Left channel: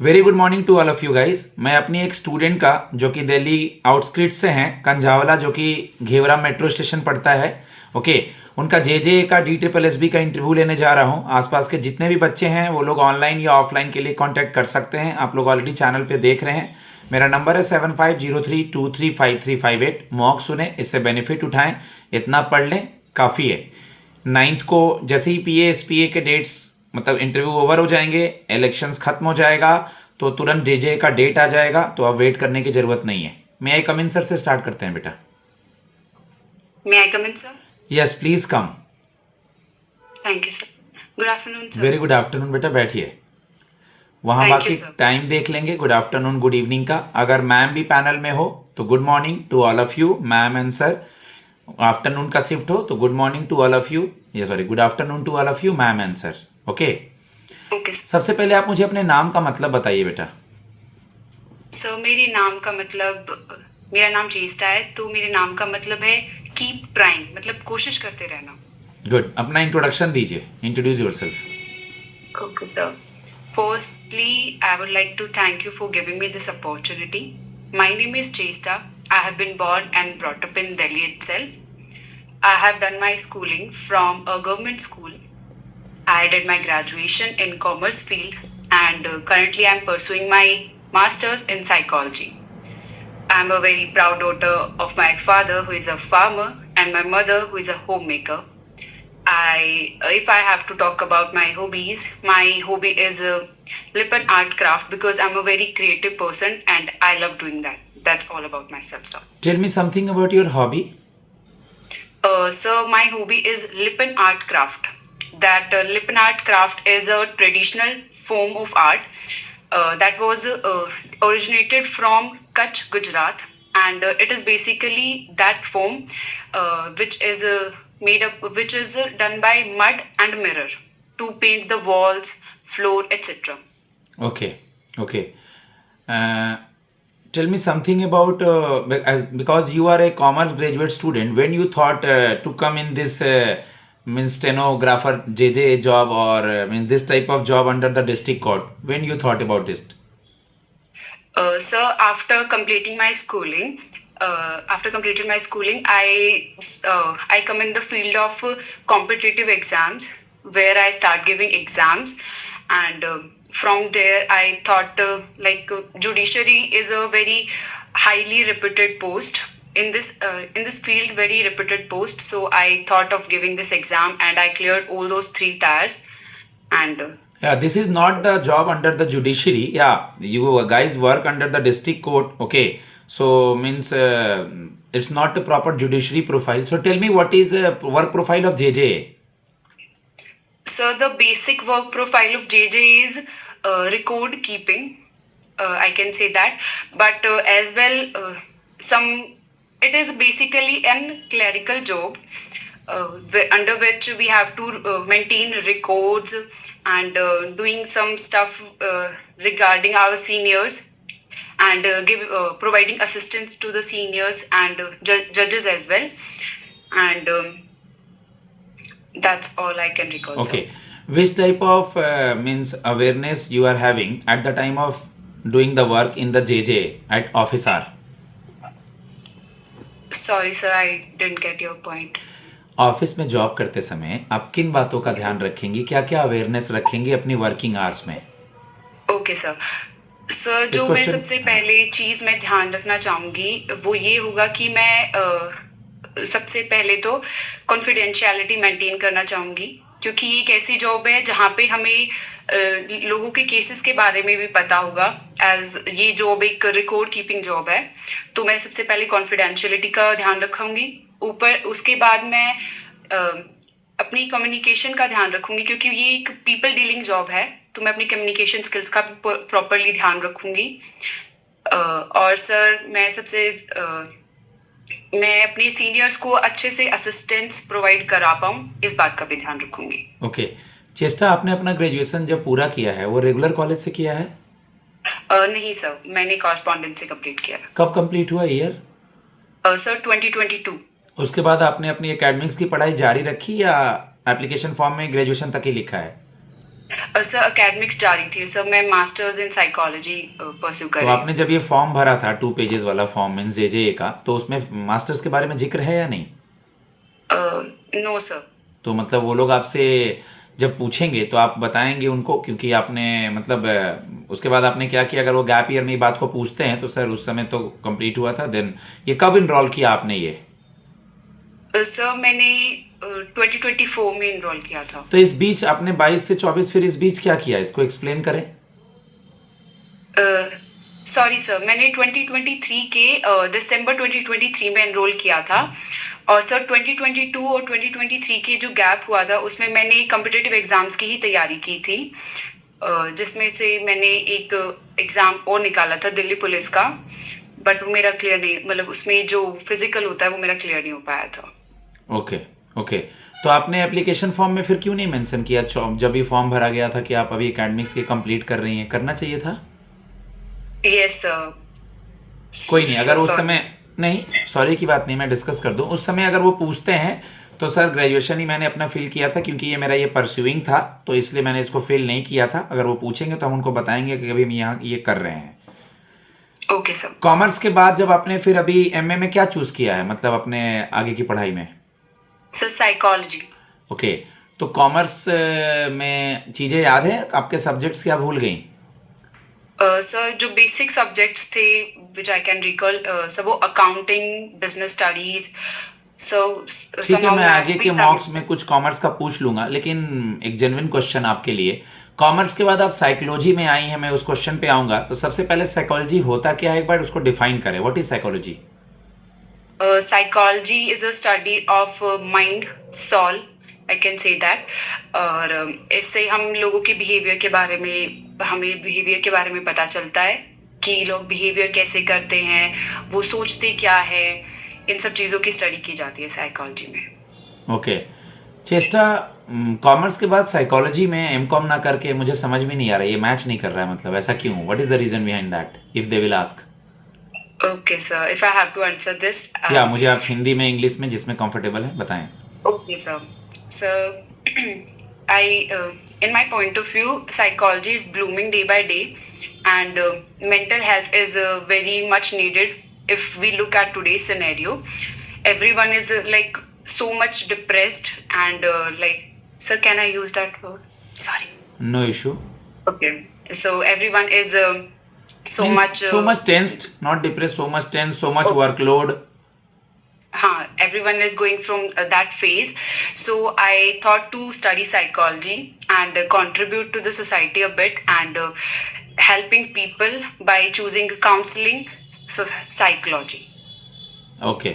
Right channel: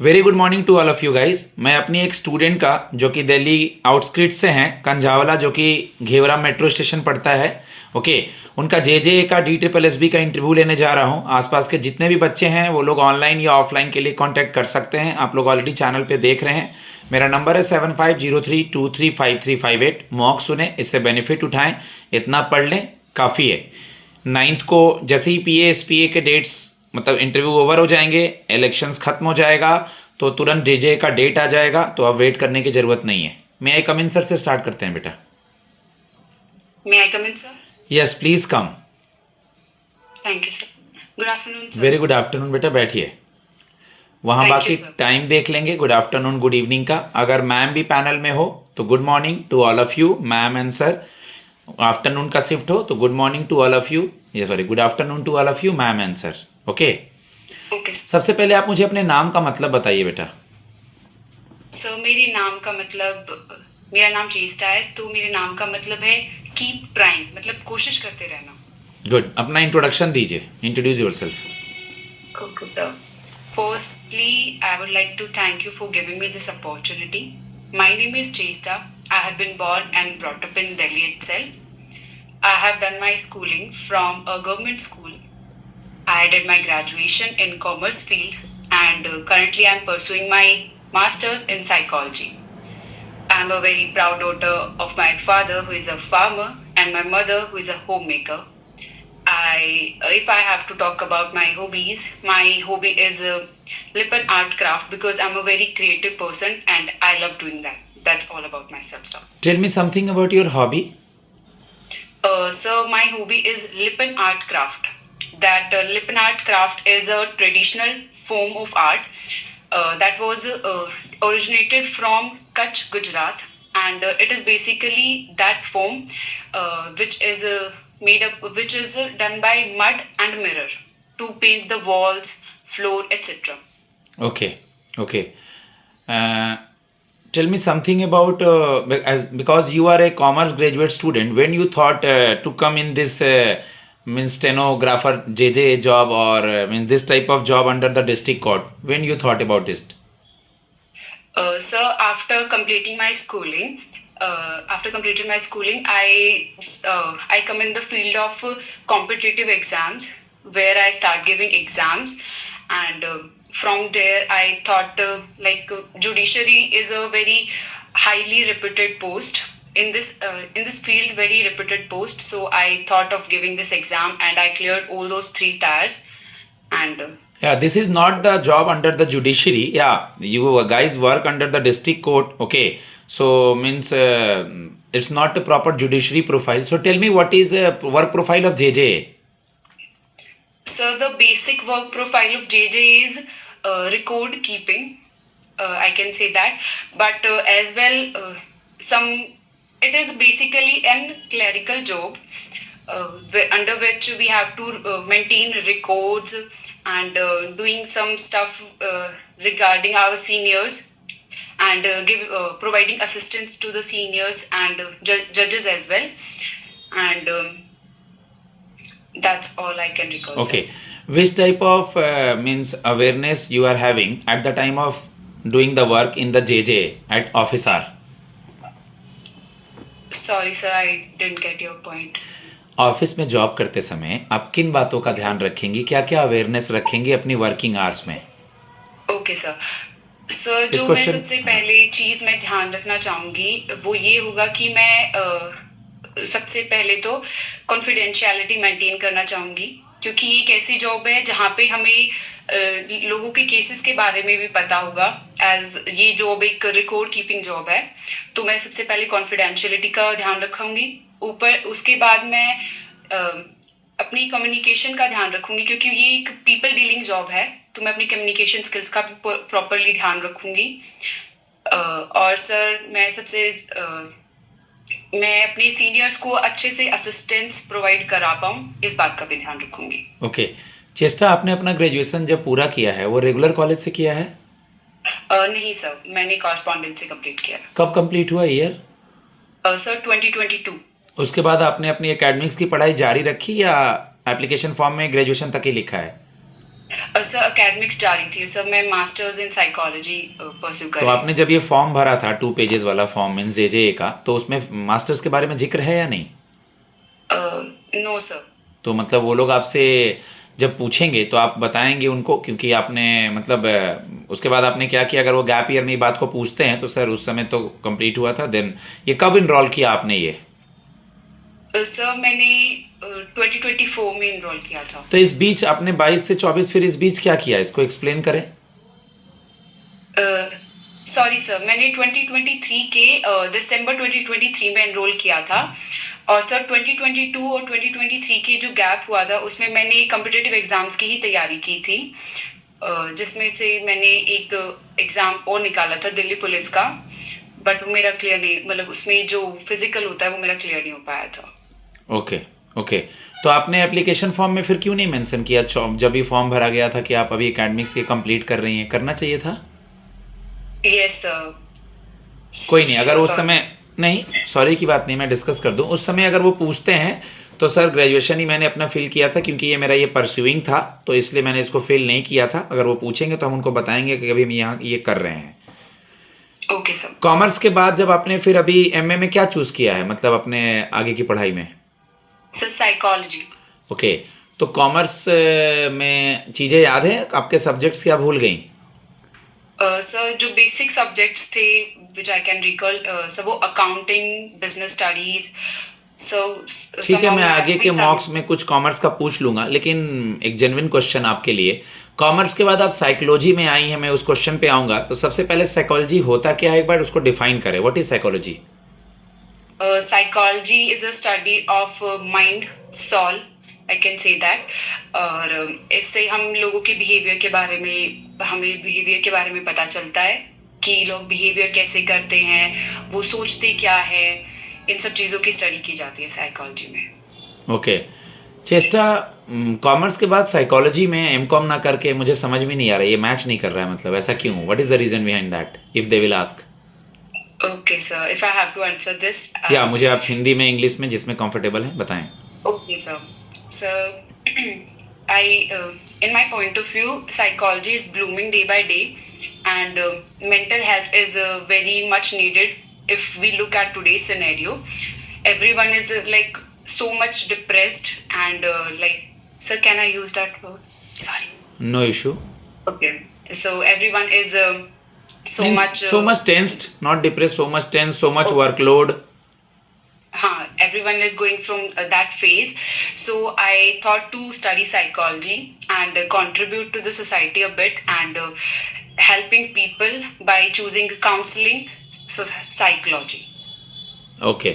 Very good morning to all of you guys. मैं अपनी एक स्टूडेंट का जो कि दिल्ली आउटस्क्रिट्स से हैं, कंझावला जो कि घेवरा मेट्रो स्टेशन पड़ता है, ओके, उनका जे का DSSB का इंटरव्यू लेने जा रहा हूँ। आसपास के जितने भी बच्चे हैं वो लोग ऑनलाइन या ऑफलाइन के लिए कांटेक्ट कर सकते हैं। आप लोग ऑलरेडी चैनल पे देख रहे हैं। मेरा नंबर है 7503235358। मॉक सुने, इससे बेनिफिट उठाएं, इतना पढ़ लें, काफ़ी है। 9th को जैसे ही PA SPA के डेट्स मतलब इंटरव्यू ओवर हो जाएंगे, इलेक्शंस खत्म हो जाएगा, तो तुरंत DJ का डेट आ जाएगा, तो अब वेट करने की ज़रूरत नहीं है। मैं आई कम इन सर से स्टार्ट करते हैं बेटा। May I come in, sir? Yes please come. Thank you, sir. Good afternoon, sir. Very good afternoon बेटा, बैठिए। वहाँ Thank you, बाकी sir. टाइम देख लेंगे, गुड आफ्टरनून गुड इवनिंग का। अगर मैम भी पैनल में हो तो good morning to all of you, ma'am and sir. Afternoon का शिफ्ट हो तो good morning to all of you, ये sorry good afternoon to all of you ma'am and sir, okay. Okay, sir. सबसे पहले आप मुझे अपने नाम का मतलब बताइए बेटा। सर मेरे नाम का मतलब मेरा नाम चेस्टा है, तो मेरे नाम का मतलब है कीप ट्राइंग, मतलब कोशिश करते रहना। गुड, अपना इंट्रोडक्शन दीजिए, introduce yourself. Okay, sir. Firstly, I would like to thank you for giving me this opportunity. My name is Chesta. I have been born and brought up in Delhi itself. I have done my schooling from a government school. I did my graduation in commerce field, and currently I'm pursuing my master's in psychology. I'm a very proud daughter of my father, who is a farmer, and my mother, who is a homemaker. If I have to talk about my hobbies, my hobby is lip and art craft, because I'm a very creative person and I love doing that. That's all about myself, sir. Tell me something about your hobby. So my hobby is lip and art craft. That lip and art craft is a traditional form of art that was originated from Kutch, Gujarat, and it is basically that form which is which is done by mud and mirror to paint the walls, floor, etc. Okay, okay. Tell me something about because you are a commerce graduate student. When you thought to come in this means stenographer JJ job, or means this type of job under the district court, when you thought about this? So after completing my schooling, I come in the field of competitive exams, where I start giving exams, and from there I thought judiciary is a very highly reputed post in this field, very reputed post. So I thought of giving this exam, and I cleared all those three tiers, and Yeah, this is not the job under the judiciary. Yeah, you guys work under the district court. Okay, so means it's not a proper judiciary profile. So tell me, what is work profile of JJ? So the basic work profile of JJ is record keeping. I can say that, but as well, it is basically an clerical job under which we have to maintain records and doing some stuff regarding our seniors, and providing assistance to the seniors and judges as well, and that's all I can recall. Okay, which type of means awareness you are having at the time of doing the work in the JJ at office hour? Sorry, sir, I didn't get your point. Office में job करते समय आप किन बातों का ध्यान रखेंगी, क्या क्या अवेयरनेस रखेंगी अपनी वर्किंग आवर्स में? Okay sir. सर जो मैं सबसे पहले चीज मैं ध्यान रखना चाहूंगी वो ये होगा कि मैं सबसे पहले तो कॉन्फिडेंशियलिटी मेंटेन करना चाहूंगी, क्योंकि ये एक ऐसी जॉब है जहाँ पे हमें लोगों के केसेस के बारे में भी पता होगा, एज ये जॉब एक रिकॉर्ड कीपिंग जॉब है। तो मैं सबसे पहले कॉन्फिडेंशियलिटी का ध्यान रखूंगी। उसके बाद मैं अपनी कम्युनिकेशन का ध्यान रखूंगी, क्योंकि ये एक पीपल डीलिंग जॉब है, तो मैं अपनी कम्युनिकेशन स्किल्स का प्रॉपरली ध्यान रखूंगी। और सर मैं अपने सीनियर्स को अच्छे से असिस्टेंस प्रोवाइड करा पाऊँ, इस बात का भी ध्यान रखूंगी। ओके चेस्टा, आपने अपना ग्रेजुएशन जब पूरा किया है वो रेगुलर कॉलेज से किया है? नहीं सर, मैंने कॉरेस्पॉन्डेंस से कंप्लीट किया। कब कंप्लीट हुआ ईयर? सर 2022। उसके बाद आपने अपनी एकेडमिक्स की पढ़ाई जारी रखी या एप्लीकेशन फॉर्म में ग्रेजुएशन तक ही लिखा है? सर एकेडमिक्स जारी थी सर, मैं मास्टर्स इन साइकोलॉजी परस्यू कर तो रही आपने जब ये फॉर्म भरा था 2 पेजेस वाला फॉर्म मीन्स जे का, तो उसमें मास्टर्स के बारे में जिक्र है या नहीं? हूँ। No sir. तो मतलब वो लोग आपसे जब पूछेंगे तो आप बताएंगे उनको, क्योंकि आपने मतलब उसके बाद आपने क्या किया? अगर वो गैप ईयर में ये बात को पूछते हैं तो सर उस समय तो कंप्लीट हुआ था, देन ये कब इनरोल किया आपने ये? सर मैंने 2024 में इनरोल किया था। तो इस बीच आपने 22 से 24 फिर इस बीच क्या किया, इसको एक्सप्लेन करें। सॉरी सर, मैंने 2023 के दिसंबर 2023 में एनरोल किया था। और सर 2022 और 2023 के जो गैप हुआ था उसमें मैंने कम्पिटिटिव एग्जाम्स की ही तैयारी की थी, जिसमें से मैंने एक एग्ज़ाम और निकाला था दिल्ली पुलिस का, बट वो मेरा क्लियर नहीं, मतलब उसमें जो फिजिकल होता है वो मेरा क्लियर नहीं हो पाया था। Okay okay. तो आपने एप्लीकेशन फॉर्म में फिर क्यों नहीं मेंशन किया जब ये फॉर्म भरा गया था कि आप अभी एकेडमिक्स के कंप्लीट कर रही हैं? करना चाहिए था। Yes sir. कोई नहीं, अगर उस सॉरी। समय नहीं, सॉरी की बात नहीं, मैं डिस्कस कर दूं। उस समय अगर वो पूछते हैं तो सर ग्रेजुएशन ही मैंने अपना फिल किया था, क्योंकि ये मेरा ये परस्यूइंग था, तो इसलिए मैंने इसको फिल नहीं किया था। अगर वो पूछेंगे तो हम उनको बताएंगे कि अभी हम यहाँ ये कर रहे हैं। Okay sir. कॉमर्स के बाद जब आपने फिर अभी एमए में क्या चूज़ किया है, मतलब अपने आगे की पढ़ाई में? Sir psychology. ओके। तो कॉमर्स में चीज़ें याद हैं आपके? सब्जेक्ट्स क्या भूल गई? सर जो बेसिक सब्जेक्ट्स थे विच आई कैन रिकॉल, सर वो अकाउंटिंग, बिजनेस स्टडीज, सो ठीक है, समहाउ मैं मैथ आगे भी के था मॉक्स में मुझमें। कुछ कॉमर्स का पूछ लूंगा, लेकिन एक जेन्युइन क्वेश्चन आपके लिए। कॉमर्स के बाद आप साइकोलॉजी में आई हैं, मैं उस क्वेश्चन पे आऊंगा। तो सबसे पहले साइकोलॉजी होता क्या है, एक बार उसको डिफाइन करें। What is psychology? Psychology is a study of mind, soul, I can say that. और इससे हम लोगों के बिहेवियर के बारे में, हमें बिहेवियर के बारे में पता चलता है कि लोग बिहेवियर कैसे करते हैं, वो सोचते क्या है, इन सब चीज़ों की स्टडी की जाती है साइकोलॉजी में। ओके। चेस्टा, कॉमर्स के बाद साइकोलॉजी में एमकॉम ना करके मुझे समझ में नहीं आ रहा है, ये मैच नहीं कर रहा है, मतलब ऐसा क्यों? What is the reason behind that if they will ask? Okay, sir. If I have to answer this, या मुझे आप हिंदी में, इंग्लिश में, जिसमें कंफर्टेबल है बताएं। okay, sir. So, in my point of view, psychology is blooming day by day, and mental health is very much needed. If we look at today's scenario, everyone is like so much depressed, and like, sir, can I use that word? Sorry. No issue. Okay. So everyone is so means much. So much tensed, not depress, so much tense, so much Okay. Workload. Everyone is going from that phase. So I thought to study psychology and contribute to the society a bit, and helping people by choosing counseling, so psychology. Okay.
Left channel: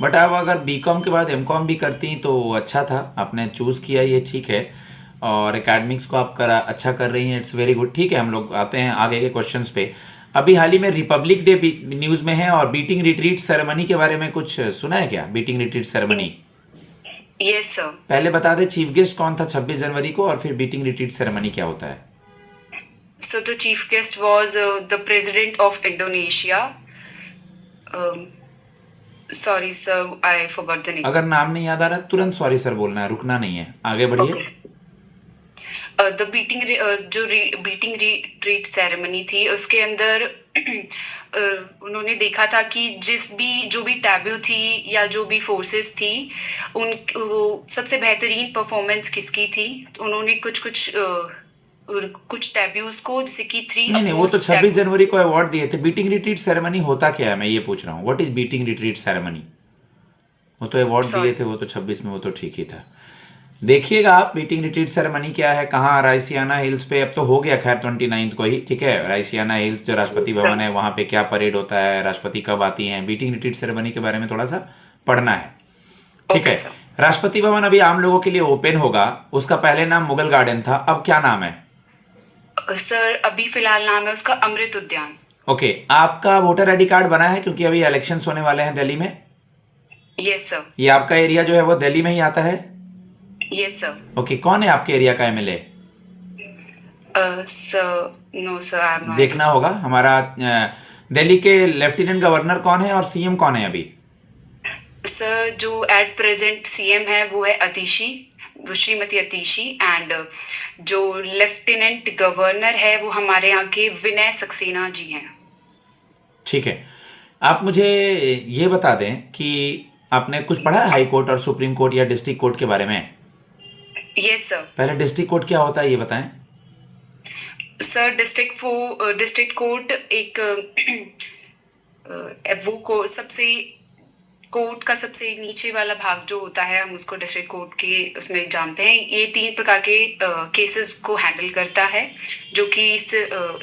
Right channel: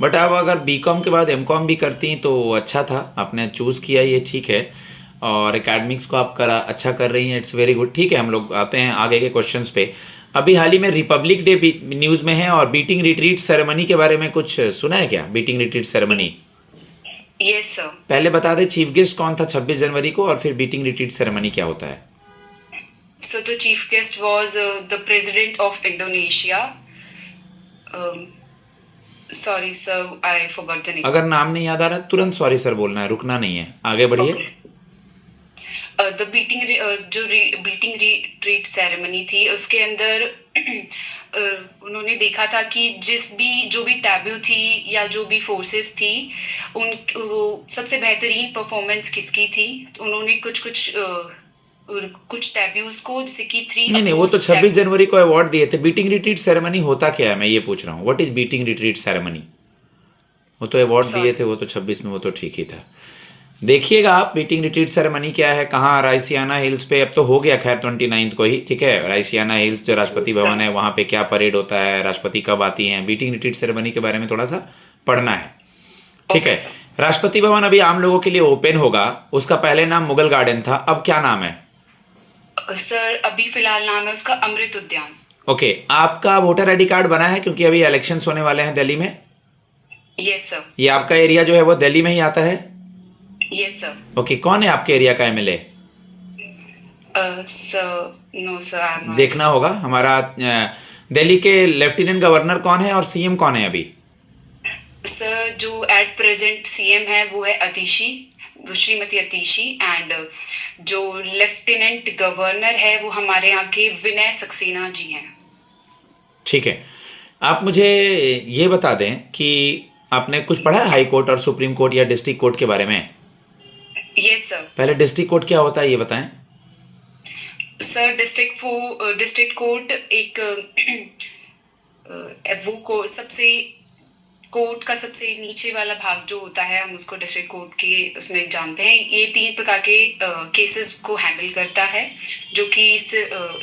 But आप अगर BCom के बाद MCom भी करती तो अच्छा था, आपने चूज़ किया ये ठीक है। और एकेडमिक्स को आप करा अच्छा कर रही हैं, इट्स वेरी गुड। ठीक है, हम लोग आते हैं आगे के क्वेश्चंस पे। अभी हाल ही में रिपब्लिक डे भी न्यूज़ में है, और बीटिंग रिट्रीट सेरेमनी के बारे में कुछ सुना है क्या? Beating retreat ceremony Yes, sir. पहले बता दें, चीफ गेस्ट कौन था 26 जनवरी को, और फिर बीटिंग रिट्रीट सेरेमनी क्या होता है? So the chief guest was the president of Indonesia. Um, Sorry, sir, I forgot the name. अगर नाम नहीं याद आ रहा तुरंत सॉरी सर बोलना है, रुकना नहीं है, आगे बढ़िए। Okay. The beating retreat ceremony थी उसके अंदर उन्होंने देखा था कि जो भी टैबू थी या जो भी फोर्सेस थी, उन वो सबसे बेहतरीन परफॉर्मेंस किसकी थी। तो उन्होंने कुछ टैबूज को, जैसे कि 3 नहीं नहीं, वो तो अपोज्ड 26 टैबूज। जनवरी को अवार्ड दिए थे। बीटिंग रिट्रीट सेरेमनी होता क्या है, मैं ये पूछ रहा हूँ। What is beating retreat ceremony? वो तो अवार्ड दिए थे, सॉरी। वो तो 26 में, वो तो ठीक ही था। देखिएगा आप बीटिंग रिट्रीट सेरेमनी क्या है, कहाँ? राइसियाना हिल्स पे। अब तो हो गया खैर 29 को ही, ठीक है। राइसियाना हिल्स जो राष्ट्रपति भवन है, वहाँ पे क्या परेड होता है, राष्ट्रपति कब आती हैं, बीटिंग रिट्रीट सेरेमनी के बारे में थोड़ा सा पढ़ना है, ठीक ओके है। सर। राष्ट्रपति भवन अभी आम लोगों के लिए ओपन होगा। उसका पहले नाम मुगल गार्डन था, अब क्या नाम है? सर अभी फिलहाल नाम है उसका अमृत उद्यान। ओके। आपका वोटर आईडी कार्ड बना है? क्योंकि अभी इलेक्शंस होने वाले हैं दिल्ली में। Yes sir. ये आपका एरिया जो है वो दिल्ली में ही आता है? Yes sir. ओके। कौन है आपके एरिया का MLA? Sir no sir, I am not. देखना होगा। हमारा दिल्ली के लेफ्टिनेंट गवर्नर कौन है और सीएम कौन है अभी? सर जो एट प्रेजेंट सीएम है वो है अतिशी, श्रीमती अतिशी, एंड जो लेफ्टिनेंट गवर्नर है वो हमारे यहाँ के विनय सक्सेना जी हैं। ठीक है, आप मुझे ये बता दें कि आपने कुछ पढ़ा है हाई कोर्ट और सुप्रीम कोर्ट या डिस्ट्रिक्ट कोर्ट के बारे में? Yes sir. पहले डिस्ट्रिक्ट कोर्ट क्या होता है ये बताएं। सर डिस्ट्रिक्ट कोर्ट एक सबसे कोर्ट का सबसे नीचे वाला भाग जो होता है, हम उसको डिस्ट्रिक्ट कोर्ट के उसमें जानते हैं। ये 3 प्रकार के केसेस को हैंडल करता है, जो कि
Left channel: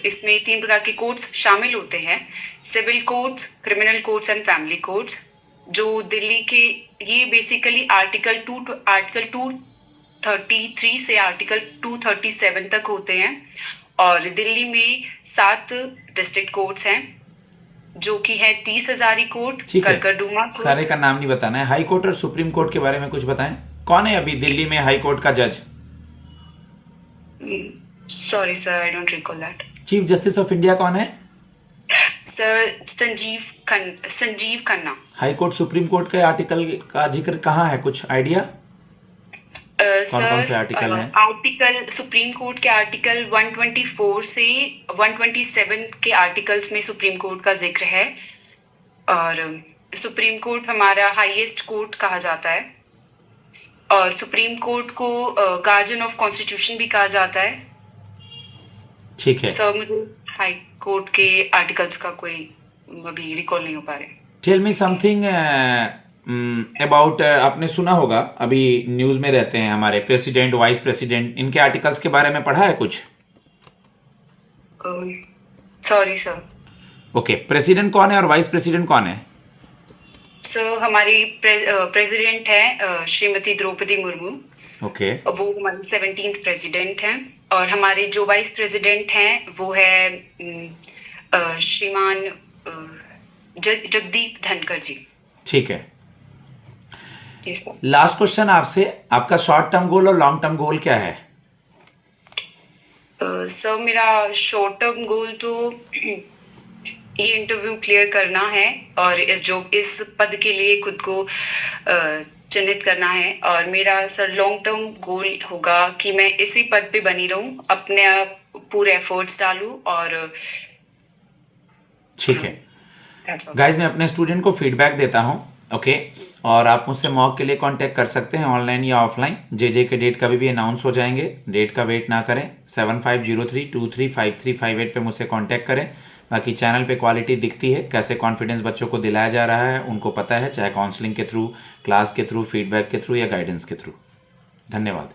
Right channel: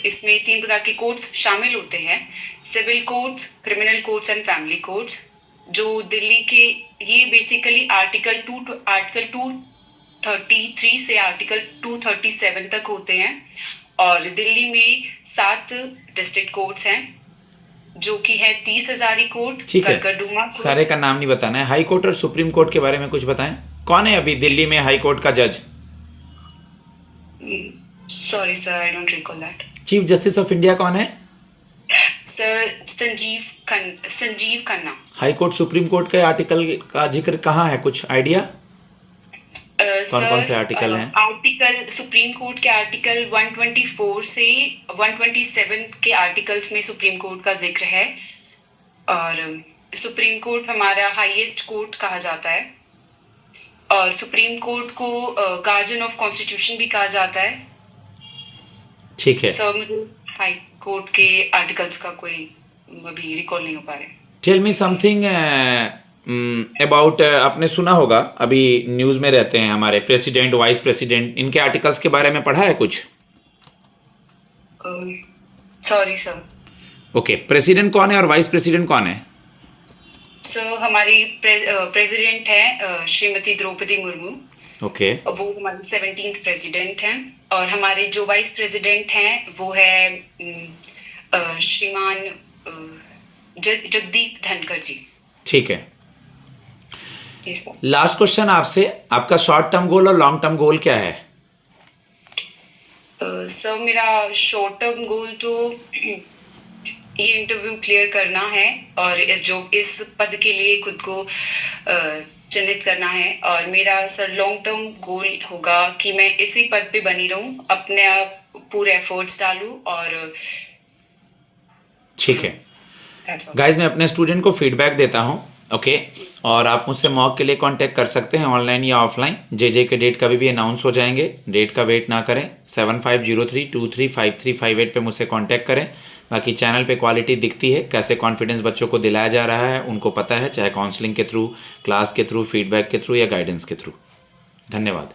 इसमें 3 प्रकार के कोर्ट्स शामिल होते हैं: civil courts, criminal courts and family courts. जो दिल्ली के, ये बेसिकली आर्टिकल 233 से आर्टिकल 237 तक होते हैं। और दिल्ली में 7 डिस्ट्रिक्ट कोर्ट्स हैं, जो कि है 30 हजारी कोर्ट, ठीक है, करकरडुमा कोर्ट। सारे का नाम नहीं बताना है। हाई कोर्ट और सुप्रीम कोर्ट के बारे में कुछ बताएं। कौन है अभी दिल्ली में हाई कोर्ट का जज? Sorry sir, I don't recall that. Chief justice of India कौन है? Sir Sanjeev Khanna. High court supreme court के आर्टिकल का जिक्र कहाँ है, कुछ आइडिया? कौन से आर्टिकल हैं? आर्टिकल सुप्रीम कोर्ट के आर्टिकल 124 से 127 के आर्टिकल्स में सुप्रीम कोर्ट का जिक्र है। और सुप्रीम कोर्ट हमारा हाईएस्ट कोर्ट कहा जाता है, और सुप्रीम कोर्ट को गार्जियन ऑफ कॉन्स्टिट्यूशन भी कहा जाता है। ठीक है सर, मुझे हाई कोर्ट के आर्टिकल्स का कोई अभी रिकॉल नहीं हो पा रहे। टेल मी समथिंग अबाउट, आपने सुना होगा अभी न्यूज़ में रहते हैं हमारे प्रेसिडेंट, वाइस प्रेसिडेंट, इनके आर्टिकल्स के बारे में पढ़ा है कुछ? Sorry sir. ओके, प्रेसिडेंट कौन है और वाइस प्रेसिडेंट कौन है? सर हमारी प्रेसिडेंट है श्रीमती द्रौपदी मुर्मू। ओके, वो हमारी 17th प्रेसिडेंट हैं। और हमारे जो वाइस प्रेसिडेंट हैं वो है श्रीमान जगदीप धनखड़ जी। ठीक है। जी सर। लास्ट क्वेश्चन आपसे, आपका शॉर्ट टर्म गोल और लॉन्ग टर्म गोल क्या है? सर मेरा शॉर्ट टर्म गोल तो ये इंटरव्यू क्लियर करना है और इस पद के लिए खुद को चिन्हित करना है। और मेरा सर लॉन्ग टर्म गोल होगा कि मैं इसी पद पे बनी रहूं, अपने पूरे एफर्ट्स डालूं। और ठीक है गाइज, मैं अपने स्टूडेंट को फीडबैक देता हूँ। ओके, और आप मुझसे मॉक के लिए कांटेक्ट कर सकते हैं, ऑनलाइन या ऑफलाइन। जे के डेट कभी भी अनाउंस हो जाएंगे, डेट का वेट ना करें। 7503235358 पे मुझसे कांटेक्ट करें। बाकी चैनल पे क्वालिटी दिखती है, कैसे कॉन्फिडेंस बच्चों को दिलाया जा रहा है उनको पता है, चाहे काउंसलिंग के थ्रू, क्लास के थ्रू, फीडबैक के थ्रू या गाइडेंस के थ्रू। धन्यवाद।